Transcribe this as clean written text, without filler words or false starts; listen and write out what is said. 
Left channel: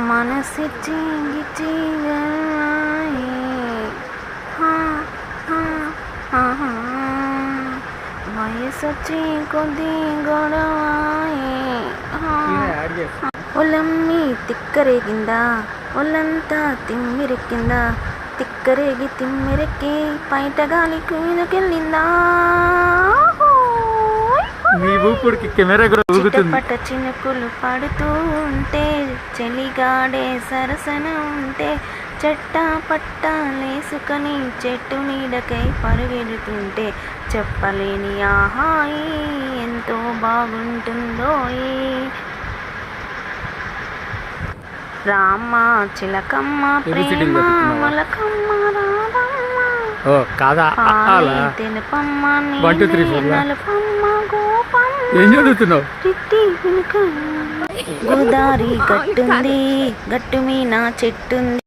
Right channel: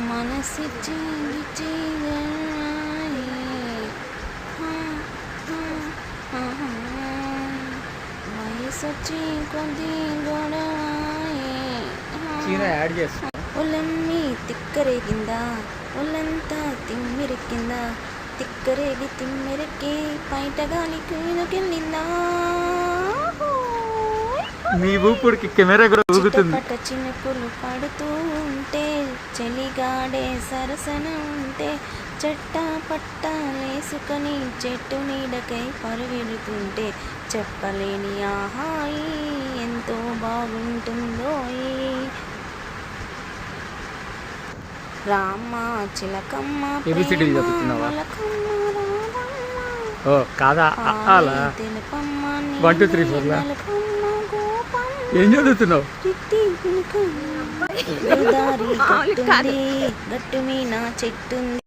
మనసిచ్చి వయసొచ్చి కొద్ది గొడవాయే ఒళ్ళమ్మి తిక్కరేగిందా ఒళ్ళంతా తిమ్మిరెక్కిందా తిక్కరేగి తిమ్మిరెక్కి బయట గాలి కూనుకెళ్ళిందా చిట్టపట్ట చినుకులు పడుతూ ఉంటే చలిగాడే సరసన ఉంటే చెట్టా పట్టాలేసుకొని చెట్టు నీడకై పరుగెడుతుంటే చెప్పలేని ఆహాయి ఎంతో బాగుంటుందో రామ చిలకమ్మ ప్రేమ మలకమ్మ తెలుపమ్మ నలుపమ్మ గోపమ్మ గోదారి గట్టుంది గట్టు మీన చెట్టుంది